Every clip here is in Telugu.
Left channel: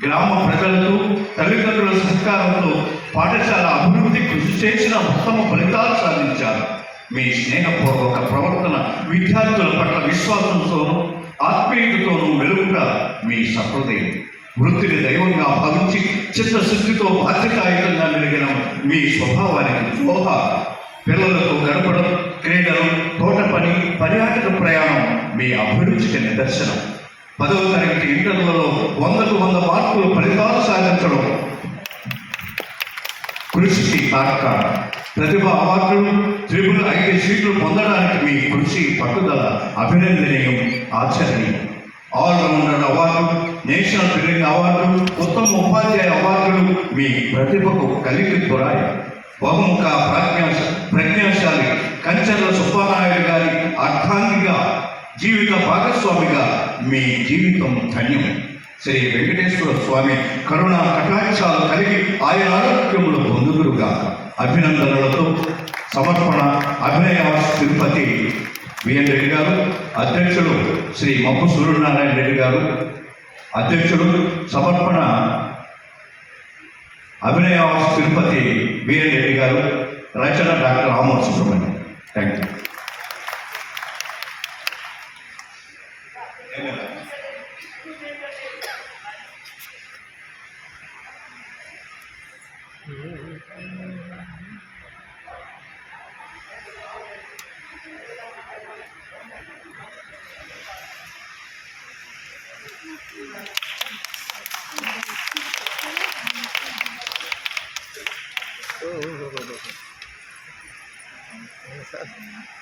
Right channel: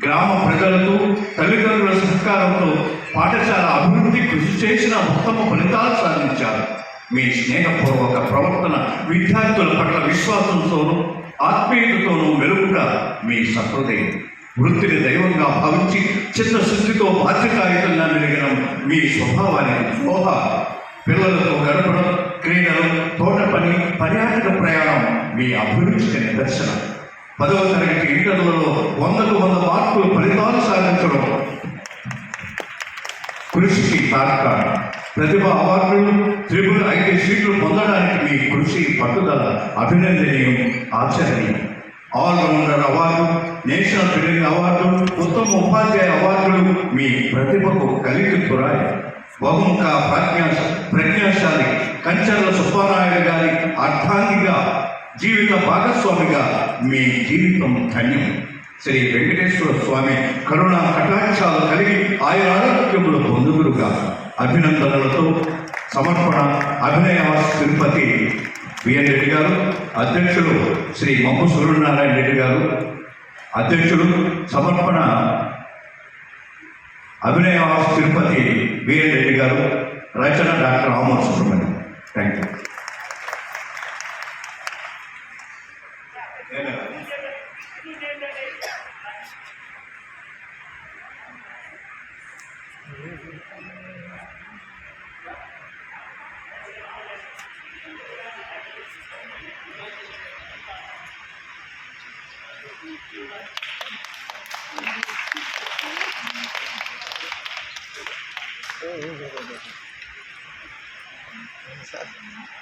గ్రామ ప్రజలతో తల్లిదండ్రుల సహకారంతో పాఠశాల అభివృద్ధి కృషి చేసిన ఉత్తమ ఫలితాలు సాధించారు. మీ స్నేహపూర్వక ప్రవర్తన విద్యార్థుల పట్ల విశ్వాసంతోనూ ఆత్మీయతతోనూ వెలుగుట మీ సహృదయం. వృత్తిని దైవంగా భావించి చిత్తశుద్ధితో బాధ్యతాయుతంగా మెలిగిన మీ స్వభావానికి శోభ పిల్లలతో గడపడం క్రీడలు తోట పని పర్యాటక ప్రయాణం మీ అభిరుచికి నిదర్శనం. పదవ తరగతి ఇంటర్లో వందకు వంద మార్కులు ఫలితాలు సాధించడం. కృషికి కారక ప్రతిభ అవార్డులు త్రిపుల్ ఐదు సీట్లు పొందడానికి మీ కృషి పట్టుదల అభినందనీయం ఆచరణీయం all rounder award national training award ఉత్తమ ఉపాధ్యాయ అవార్డులు మీ ప్రతిభకు కలిగి పురాయి బహుముఖ ప్రజ్ఞ ప్రజ్ఞాశాలి కంచర్ల సుబ్బారాయుడు గారి అర్థాంగిగా జీవిత భాగస్వామిగా మీ జీవితం ధన్యం. శ్రీ వెంకటేశ్వర స్వామి కరుణా కటాక్షాలు కలిగి ఆయన ఆరోగ్యంలో పొందుగురుగా అభినందనలతో సమర్పణ అభినయ తిరుపతి విఎన్ రెడ్డి గారు అధ్యక్షులు శ్రీ మమ్ము సూర్యనారాయణ రెడ్డి గారు అధ్యక్షుడు సమర్పణ అభినయ తిరుపతి విఎన్ రెడ్డి గారు రచన doctor Ramohan thank you É verdade. Oh, oh, oh, oh, oh.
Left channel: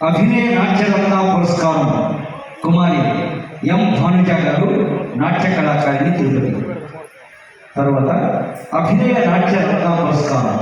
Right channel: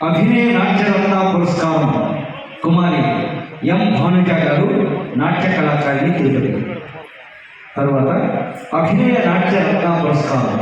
అభినయ నాట్యరత్న పురస్కారం కుమారి ఎం భానుజ గారు నాట్య కళాకారిణి తీరు తర్వాత అభినయ నాట్యరత్న పురస్కారం